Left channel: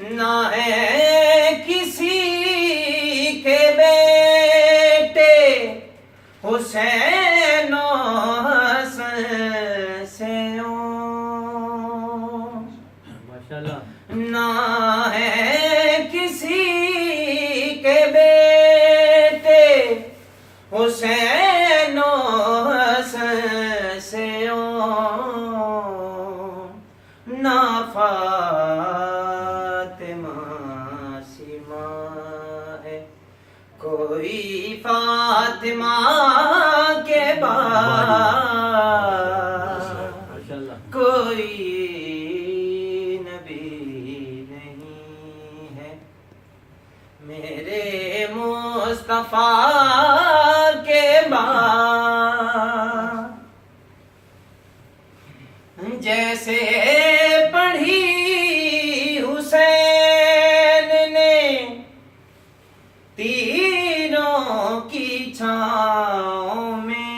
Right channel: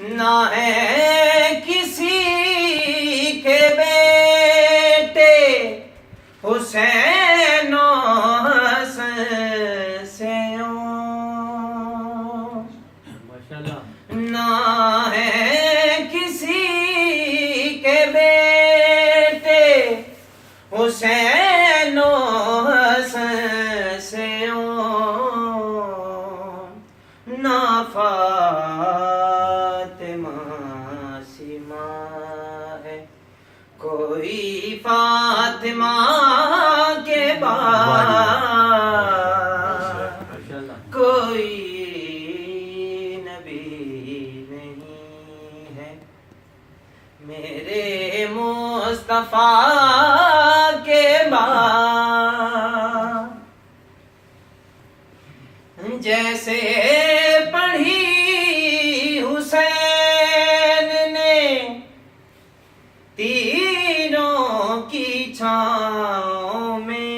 نہ ہے کسی کے بیٹے حسین و حسن سے نہ ہے کسی کے بیٹے حسین و حسن سے نہ فاطمہ سیما ہے کوئی فاطمہ کے بعد کوئی نبی نہیں ہے میرے مصطفیٰ کے بعد جیسے پڑھی حسین نے تیروں کی چھاؤں میں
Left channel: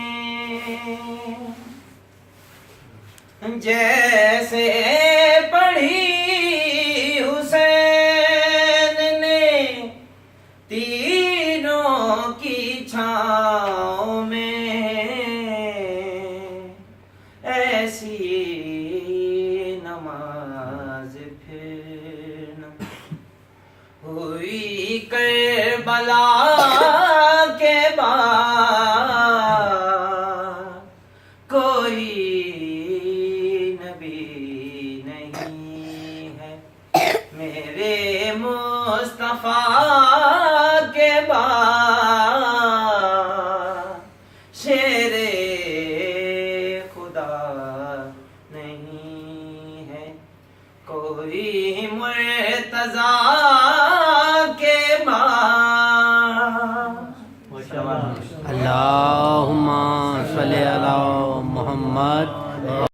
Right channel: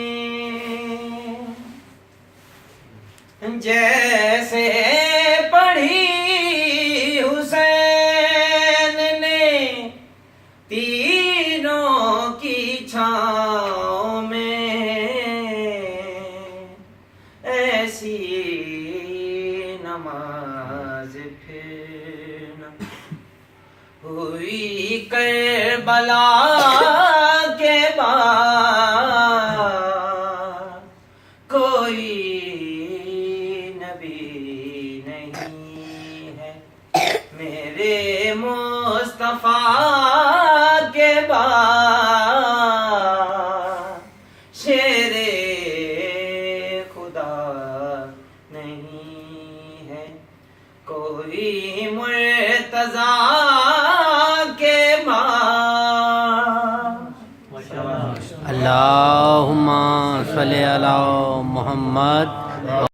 جیسے پڑھی حسین نے تیروں کی چھاؤں میں ایسی نماز پھر نہ ہوئی کربلا کے بعد کوئی نبی نہیں ہے میرے مصطفیٰ کے بعد شیر خدا نہیں ہے کوئی مرتضیٰ کے بعد اللہم صلی علی محمد